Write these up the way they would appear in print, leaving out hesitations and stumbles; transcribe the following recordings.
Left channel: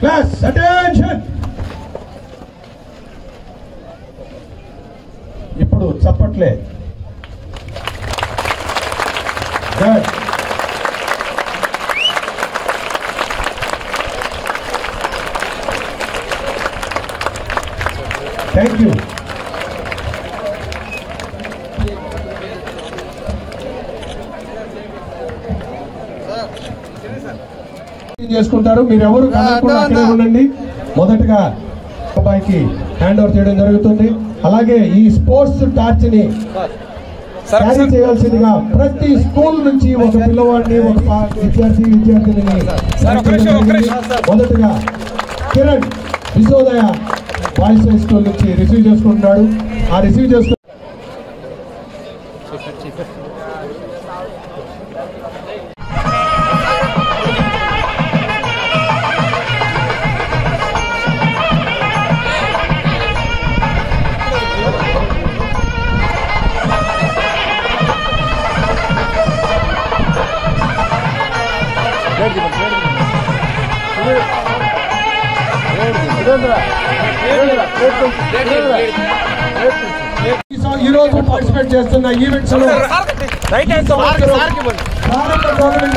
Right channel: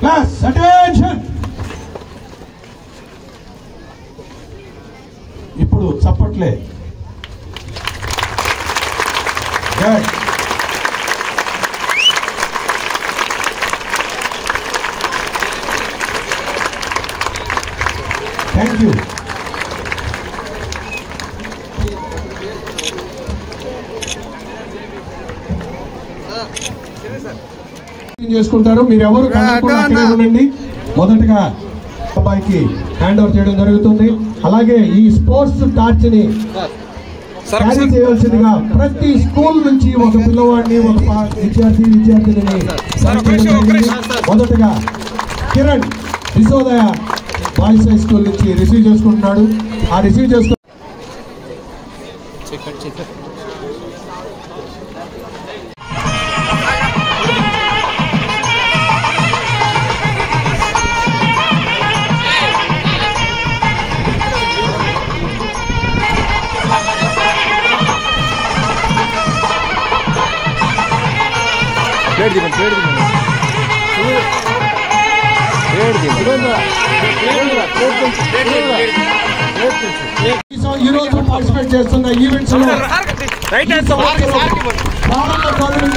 Class, attention! ఇప్పుడు చప్పట్లే. Thank you. చేసుకుంటారు. మీరెవరు అక్కడే ఉండండి. మొదటగా అబ్బాయికి హ్యాండ్ ఓవర్ చేయడం జరుగుతుంది. అలాగే ఈ స్పోర్ట్స్ టార్చ్ ని క్యారీ చేయాల్సిందిగా ప్రతి స్కూల్ నుంచి ఒక పిల్లవాడిని ఒక విద్యార్థిని మొదటగా కిరణ్ విశోదయ బాయ్స్ హై స్కూల్ నుంచి రిసీవ్ చేసుకుంటున్నాడు. ఆ రిసీవ్ చేసుకు ఈ రోజు పార్టిసిపేట్ చేస్తున్న ఈవెంట్స్ లో ప్రారంభ టోర్నమెంట్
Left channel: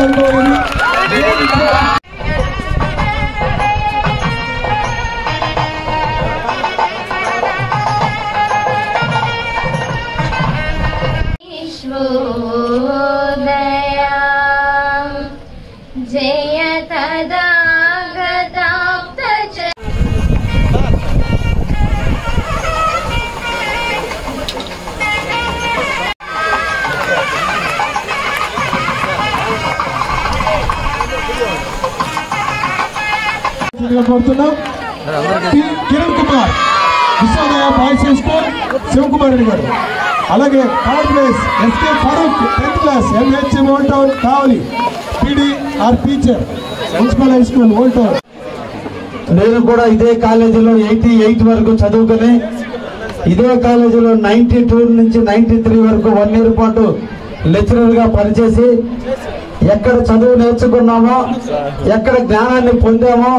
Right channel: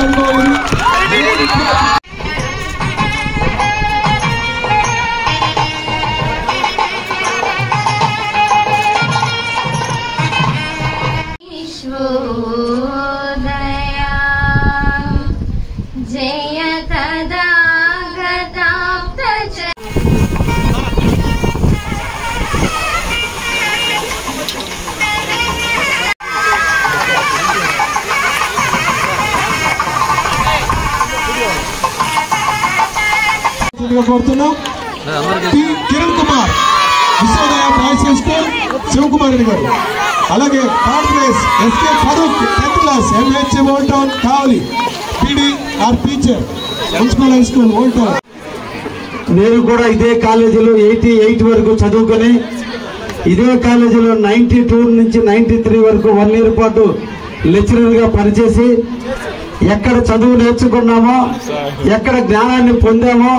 కోరుతున్నాం. Kiran Kumar Vishwodaya boys high school Shivakumar గారు, అలాగే third place SK Farooq 10th class MH old town Kavali PD R teacher municipal high school old town. నేను కూడా ఇదే కాలేజీలో 88 వరకు చదువుకొని ఇదే కాలేజీలో 92 నుంచి 93 వరకు 1 ఇయర్ పాటు లెక్చరర్ గా పనిచేసి ఎక్కడ చదువు నేర్చుకున్నామో, ఎక్కడ జ్ఞానాన్ని పొందామో,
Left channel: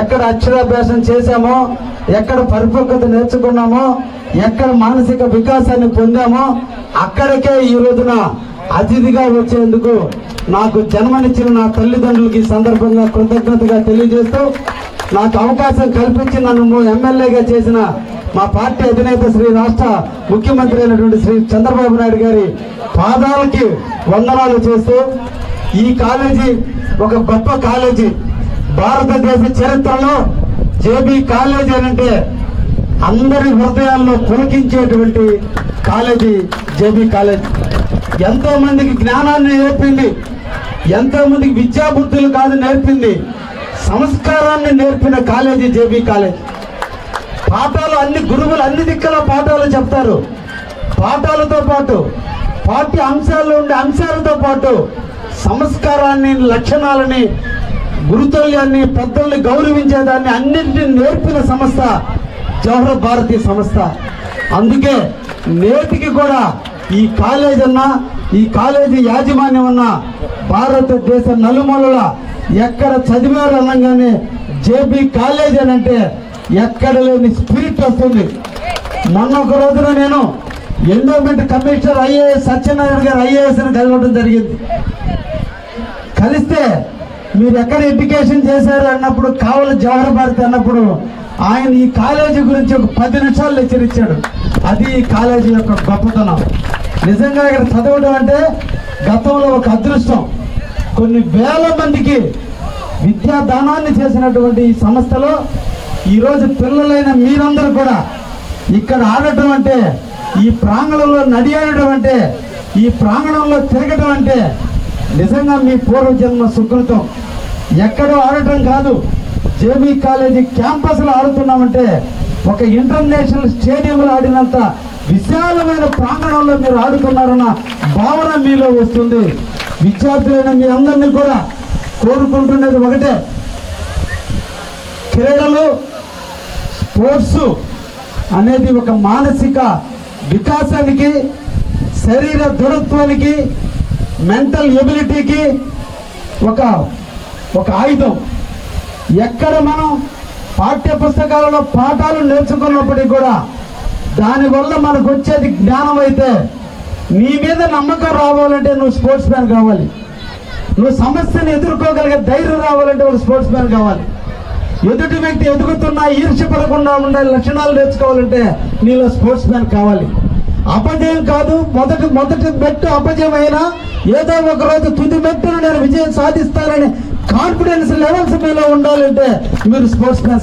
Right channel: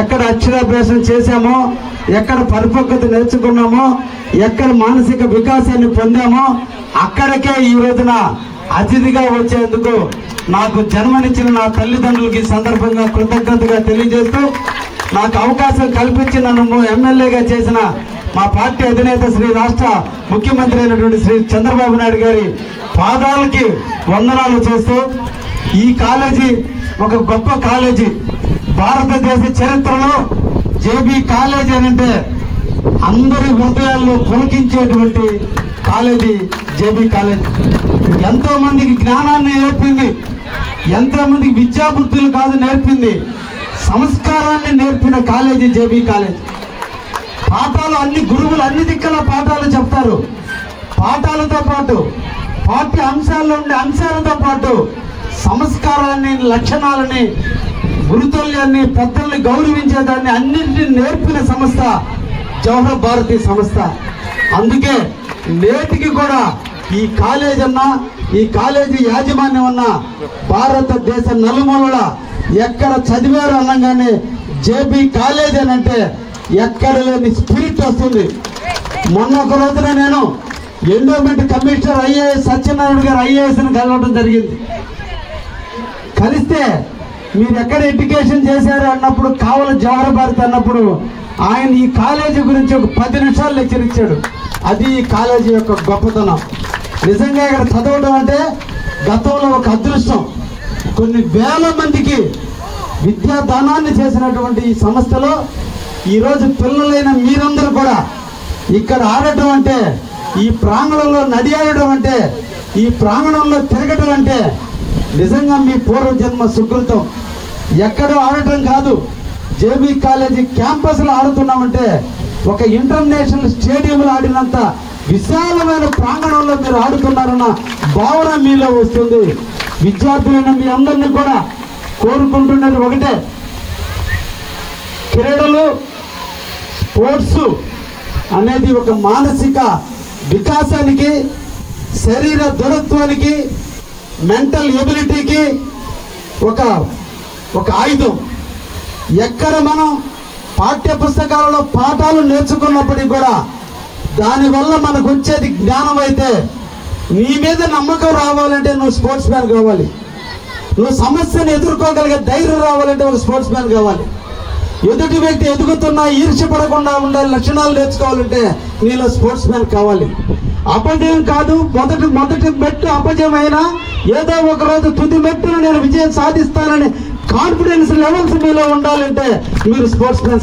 ఎక్కడ అక్షరాభ్యాసం చేశామో, ఎక్కడ పరిపక్వత నేర్చుకున్నామో, ఎక్కడ మానసిక వికాసాన్ని పొందామో అక్కడికే ఈ రోజున అతిథిగా వచ్చేందుకు నాకు జన్మనిచ్చిన నా తల్లిదండ్రులకి సందర్భంగా కృతజ్ఞతగా తెలియజేస్తూ, నాకు అవకాశం కల్పించి నన్ను ఎమ్మెల్యేగా చేసిన మా పార్టీ అధినేత శ్రీ రాష్ట్ర ముఖ్యమంత్రి అయినటువంటి శ్రీ చంద్రబాబు నాయుడు గారి పాదాలకి వందనాలు చేస్తూ, ఈ కాలేజీ ఒక గొప్ప కాలేజీ. భారతదేశ చరిత్రలో జేబీ కాలేజీ అనంటే అందరి హృదయాల్లో పులకించేటువంటి కాలేజీ జేబీ కాలేజీ. ఎంతో మందికి జ్ఞానాన్ని నేర్పింది, ఎంతో మందికి విద్యాబుద్ధులు కాదు నేర్పింది, సంస్కారాన్ని నేర్పిన కాలేజీ జేబీ కాలేజీ. పాఠాలు అన్ని గురువులు అన్ని దిక్కుల పాఠాలు చెప్తారు. పాఠాలతో పాటు పాఠ్య అంశాల్లో ఉండే అంశాలతో పాటు సంస్కారాన్ని, లక్షణాలని, గురుతుల్యాన్ని, పెద్దల్ని గౌరవించేదాన్ని అన్నింటినీ నేర్పిన సంస్థ జవహర్ భారతి సంస్థ. అందుకే నేటికి కూడా ఈ కాలేజ్ అన్నా, ఈ కాలేజీ యాజమాన్యం ఉన్న భారతదేశ నలుమూలల ఎక్కడ చదివారు అనగానే జేబీ కాలేజ్ అని అంటే ఎక్కడ లేని స్పిరిట్ వస్తుంది. మొన్న ఒక రోజున నేను ఎండోమెంట్ కమిషనర్ ఐఏఎస్ సత్యనారాయణ గారు ఐఏఎస్ అని కలవడం జరిగింది. కలిస్తే మీరు ఎక్కడ ఎడ్యుకేషన్ చేశారు అన్నప్పుడు కావలి జవహర్ భారతి అన్నప్పుడు ఆయన ఈ కాలేజీ గురించి ఒక 10 నిమిషాలు లెక్చర్ ఇచ్చాడు. అది ఈ కాలేజీ యొక్క గొప్పతనం. నిజంగా ఇక్కడ చదవడం అంటే గతంలో ఒక అదృష్టం. కొన్ని వేల మందికి విద్యాదానాన్ని చేసినటువంటి ఈ సంస్థలో ఈరోజు పిల్లలైన మీరందరూ కూడా ఇక్కడ ఆడటం అంటే, ఈ ప్రాంగణంలో నడి ఆడటం అంటే, ఈ ప్రాంగణంలో తిరగటం అంటే నిజంగా మీ పూర్వజన్మ సుకృతం. ఎక్కడో ఆడటం కాదు, జేబీ కాలేజీ క్యాంపస్లో ఆడుతున్నామంటే ఒక ఇంటర్నేషనల్ స్టేడియంలో ఆడినంత విశాలమైన ప్రాంగణంలో మీరు ఆడుతున్నారన్న భావన మీలో వస్తుంది. విద్యార్థులైన మీ అందరినీ కూడా కోరుకుంటున్నది ఒకటే, క్రీడలు స్పోర్ట్స్ అనేది ఒక మానసిక వికాసానికి, శరీర దృఢత్వానికి, మెంటల్ ఎబిలిటీకి ఒక ఆయుధం. ఎక్కడ మనం పాఠ్య పుస్తకాలలో పాఠాలు నేర్చుకున్నప్పటికీ కూడా దానివల్ల మనకు వచ్చేది జ్ఞానం అయితే, నీ మీద నమ్మకం రావాలంటే నువ్వు స్పోర్ట్స్ మ్యాన్ కావాలి. నువ్వు సమస్యను ఎదుర్కోగలిగే ధైర్యం రావాలంటే ఒక స్పోర్ట్స్ మ్యాన్ కావాలి. ఎదుటి వ్యక్తి ఎదుగుతున్నా ఈర్ష్యపడకుండా ఉండే లక్షణాలు నేర్చుకోవాలంటే నీలో స్పోర్ట్స్ మ్యాన్ కావాలి. అపజయం కాదు, మొదటి మెట్టు అపజయం అయినా ఏదో ఒక రోజు తుది మెట్టును నేను విజయం సాధిస్తానని కాన్ఫిడెన్స్ లెవెల్స్ మీలో ఉండాలంటే మీరు స్పోర్ట్స్ మ్యాన్